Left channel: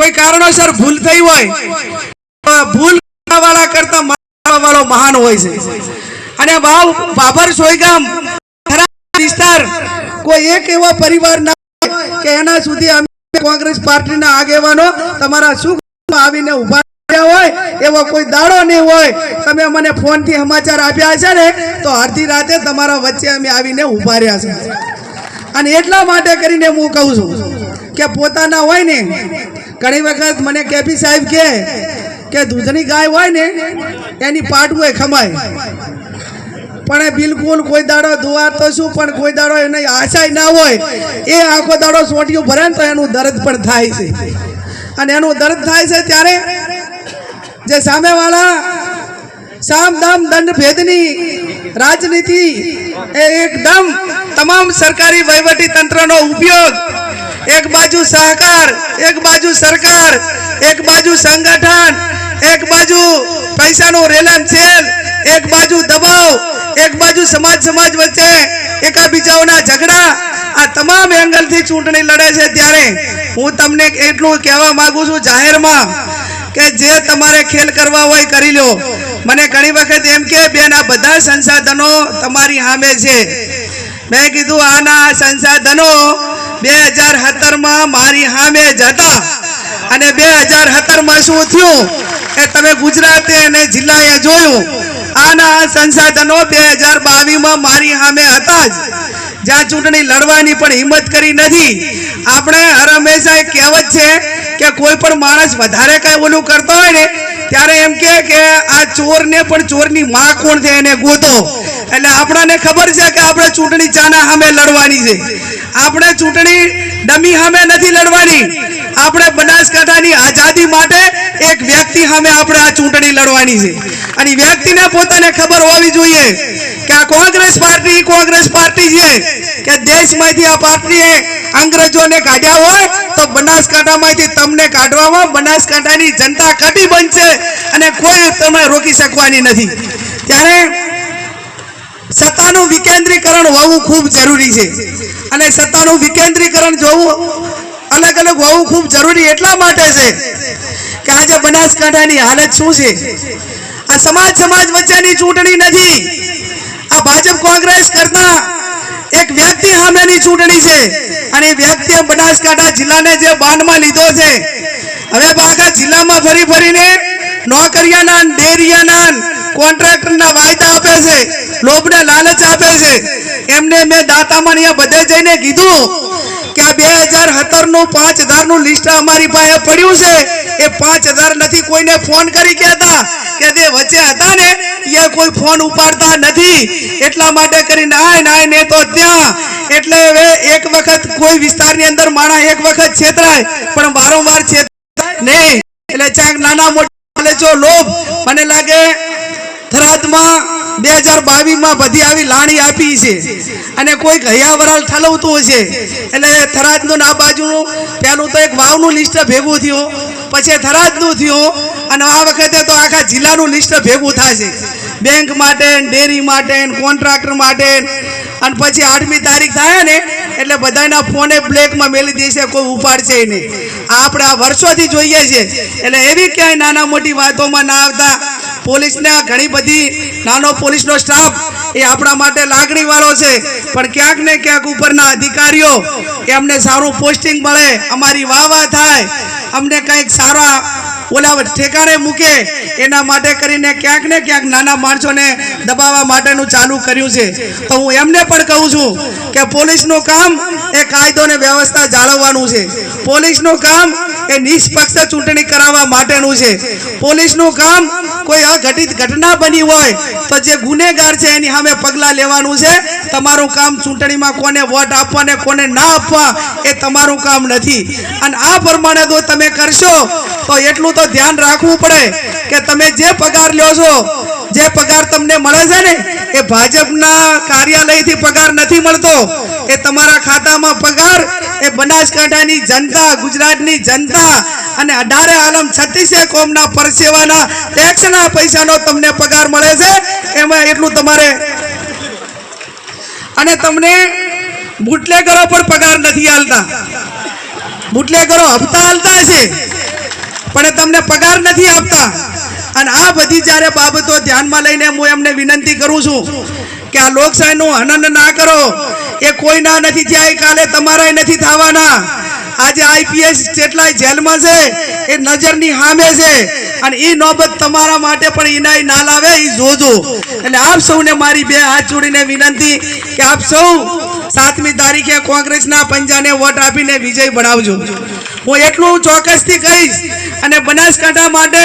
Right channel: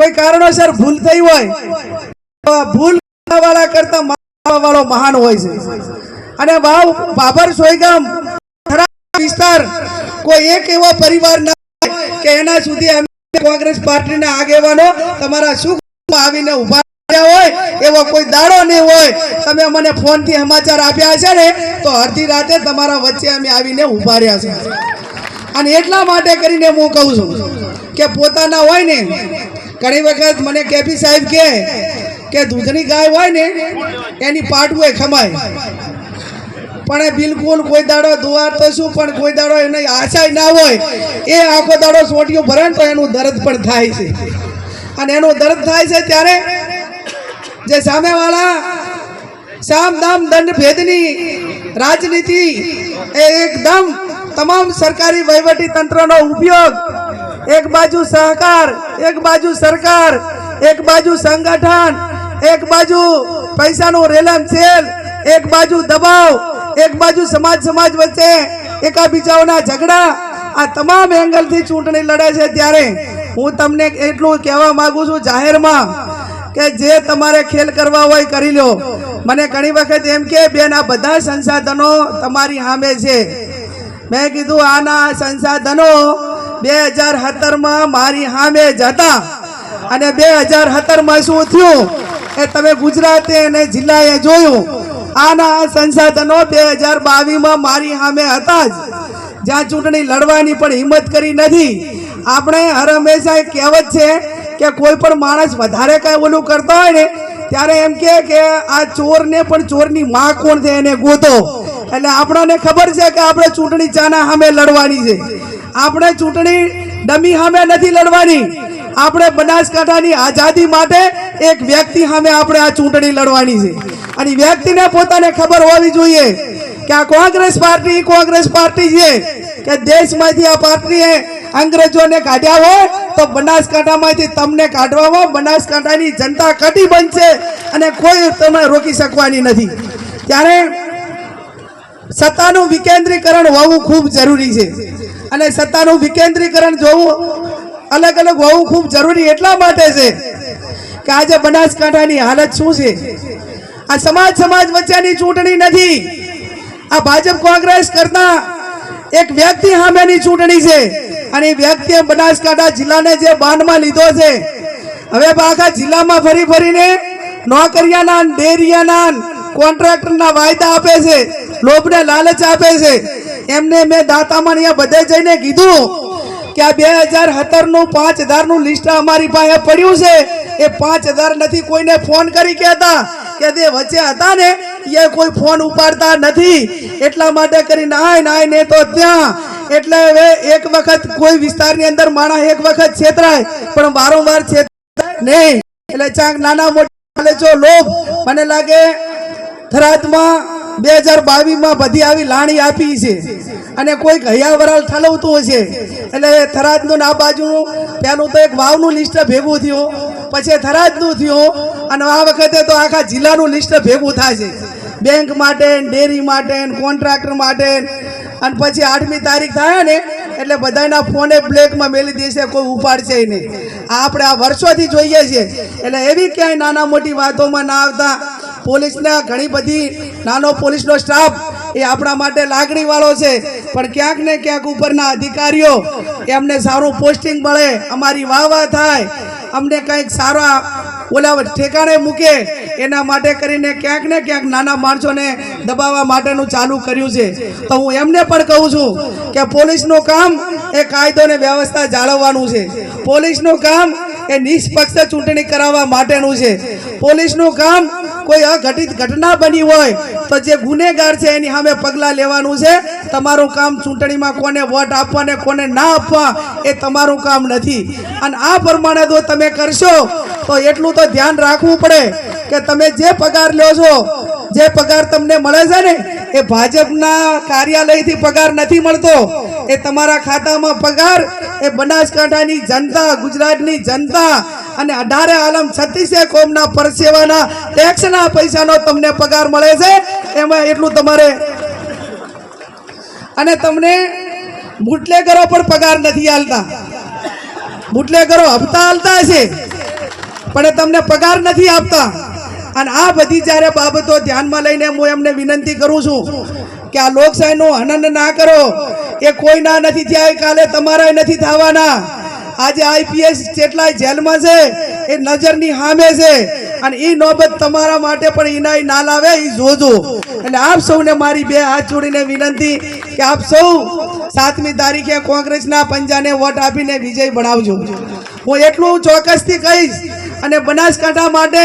કોઈ કારણોસર ભૂલ થઈ હોય ભૂલ વાળા કરતા વાળો મહાન હોય છે. અને ભાવ બાબર સોયગામ વિસ્તાર, કોઈ એક એવો પરિવાર ના હોય કે એના સુધી અમે કોંગ્રેસ પાર્ટીના આગેવાનો તમારા સુખ આવીને ઊભા હોય, એવો કોઈ દાડો નહીં હોય. તમે મને ફોનથી સમાચાર આપ્યા છે ને, તો અડધી રાતે તમારા વચ્ચે અમે આવીને ઊભા રહ્યા છે અને એટલા માટે કરીને હું કહું છું કે પોતાના હોય ને ઘણી વખત મને કેપી સાહેબ કે કે દૂધની ગાય હોય ને, એની પાટવું એ ખમાય. પણ એ બિલકુલ કોઈ દાડો દુવાર તો શું, પણ કોઈ દાડો એને આશાય ના હોય. એ આખો દાડો સોટીઓ ભરે ને તો એનું દર્દ પણ થાય છે. અને એનું દર્દ થાય છે ત્યારે જે સામેવાળા સામ દામ દંડ ભેદની રાજનીતિ એ એકદમ તમામ સરકારી વહીવટી તંત્રનો ઉપયોગ એક બાજુ સહકાર, એક બાજુ સરકાર, એક બાજુ સંગઠન, એક બાજુ પૈસાનું રેલન છેલ એક બાજુ દબાવ, એક બાજુ સમાજ સમાજ વચ્ચે એકાબીજાઓના ઝઘડા. આ તમામ એંગલથી ચૂંટણી લડે છે ત્યારે હું તમને એટલું કહેવા માંગુ છું જાહેરમાં કે જે તમારે ખેલ કરવા હોય કરી લો. મને ઘણી વખત એમ કે, બેન, આ બધા સંસાધનો તમારી સામે છે. મેં કીધું, આના સંસાધનો બે હજાર સત્તરમાં મારી સામે જ હતા. અને બે હજાર સત્તરમાં શું થયું એ તમે ગુજરાતે અને જિલ્લાએ જોયું, આના સંસાધનો બે હજાર બાવીસમાં મારી સામે હતા જ. જ્યાં ચૂંટણી લડવાની પણ હિંમત કરી નથી. આપણે હર હંમેશા એક કહેવત છે કે કોઈ પણ માણસ વધારે કાંઈ ઓલું કરતો હોય ને, ત્યારે એમ કે કે આ ચોરને પણ ચોરની માં કોણ છે એને ગોતો. એટલે આપણાને ખબર છે કે આપણે ચૂંટણી ચાના સામે લડવાની છે. આપણે ચૂંટણી ડમી સામે નથી લડવાની. આપણે બનાસકાંઠાની આઝાદી માટે એક વ્યક્તિ સામે આપણે આ ચૂંટણી લડવાની છે. અને વ્યક્તિને પોતાને ખબર હોવી જોઈએ કે આ કોંગ્રેસ પાર્ટી કોંગ્રેસ પાર્ટી છે. કે દેશમાંથી આ પાર્ટીએ અંગ્રેજોને કાઢ્યા હોય તો બનાસકાંઠામાંથી તમને કાઢવામાં બનાસકાંઠાની જનતા કટી બનશે અને કોઈ તમે રોકી શકવાની નથી. ત્યારે સત્તાનું વિકેન્દ્રીકરણ હોવું ખૂબ જરૂરી છે. અને સત્તાનું વિકેન્દ્રીકરણ જોવું અલગ અલગ હોવું ખૂબ જરૂરી એટલા માટે છે કે આજે બનાસકાંઠાની હાલત શું છે? આ સમાજ સમાજ વચ્ચેની ચૂંટણી નથી. આ ભાજપ કોંગ્રેસ કરતા એક વ્યક્તિ સામેની ચૂંટણી છે. અને એ વ્યક્તિએ બનાસકાંઠા જિલ્લાને જે બાંધમાં લીધો છે. હવે આખા જિલ્લામાં ફરી ફરીને નોકરિયાના ડેરિયાના કોન્ટ્રાક્ટરના વાયદા આપે છે. લોભને લાલચ આપે છે. એમને મેં દાતામાં અહીંયા બધે જઈને કીધું કે આ બે હજાર સત્તરનું પાંચ હજારનું લિસ્ટ અમારી પાસે પડ્યું છે. એ પાંચ હજાર નથી કોઈને ફોન કરી કહેતા કે જે વચ્ચે હતા ને, એ કોઈ ફોન ઉપાડતા નથી. એટલા માટે કરીને આય નાય ને તો ત્યાં. એટલે હવે એક વખત કોઈ વિસ્તારની અંદર માણસ એક વખત છેતરાય, પણ વારંવાર છેતરાય નહીં. એટલે ચાંક નાના મોટા જો લોભ. મને લાગે થરાદમાં બે હજાર બાવીસમાં બધી આવી લાણી આપી છે. અને કોઈક હૈયાવરાલ ઠલવતું હશે. એટલે થરાદનું ના બાજુનું પેલું તો એક વાવનું લિસ્ટ ભેગું થયું. પછી થરાદનું થયું અને આ વખતે તો આખા જિલ્લાનું લિસ્ટ ભેગું થશે. બેંક માટે, ડેરી માટે, કોન્ટ્રાક્ટર માટે. અને પછી આઠમી તારીખ થાય ને, એટલે બધાના ફોને બ્લેકમાં મેલી દેશે, કોઈ ઉપાડશે નહીં. આ આપણે આ વર્ષોથી જોઈએ છે. એટલે એવી ક્યાંય નાના મોટી વાતોમાં ના આવતા. પોલીસને ઘણી બધી નાનો પોલીસનો સ્ટાફ એ આપણા માટે લાગણી વાળો છે. પણ ક્યાંક ને ક્યાંક ઉપરના અધિકારીઓ એમને સારું પોસ્ટિંગ મળે, અમારી વાહ વાહ થાય. અમને કંઈક સારા ઓલા ઠેકાણે મૂકે, એના માટે કરીને ક્યાંક ને ક્યાંક નાના માણસોને દબાવવા માટેનું ચાલુ કર્યું છે. તો હું એમને પણ કહું છું કે પોલીસનું કામ એ કાયદો ને વ્યવસ્થા જાળવવાનું છે. પોલીસનું કામ એ નિષ્પક્ષ ચૂંટણી કરાવવા માટેનું છે. પોલીસનું કામ કોઈ અઘટિત ઘટના બની હોય તો જે ગુનેગાર છે એની સામે પગલાં લેવાનું છે. તમારું કામ ચૂંટણીમાં કોને વોટ આપવા ને કોને ના આપવા એ તમારું કામ નથી. અને આ પ્રમાણે જો તમે કરશો તો એટલું તો ધ્યાન રાખવું પડે કે તમે જે પગાર લ્યો છો જે પગાર તમને મળે છે ને, એ ભાજપના કાર્યાલયથી પગાર નથી મળતો. એ તમારા ખાતામાં પગાર, એ બનાસકાંઠાની જનતા, ગુજરાતની જનતા અને અઢારે આલમ છત્રીસે કોમના પરસેવાના ટેક્સના પૈસાનો તમને પગાર મળે છે. એમાં એટલું તમારે. અને તમને બુટલેગરો પણ પગાર નથી હાલતા બુટલેગરો હપ્તા હાલતા છે પણ તમને પગાર નથી આપતા. અને આ બધી જ્યારે બાબતો ધ્યાનમાં લઈને હું એમને વિનંતી કરું છું કે આ લોકશાહીનું હનન ના કરો. એ કોઈના નથી થયા કાલે તમારાય નથી થવાના. આજે આઈપીએસ જેટલાય જેલમાં છે, એ નજરની સામે છે. અને એ નોબત તમારા માટે પણ એનાય ના લાવે એ જોજો. એટલે આપ સૌને મારી બે હાથ જોડીને વિનંતી કે આપ સૌ સાતમી તારીખે કોંગ્રેસના પંજાને વોટ આપીને વિજય બનાવજો. હું એટલું ચોક્કસથી કહીશ અને બનાસકાંઠા માટે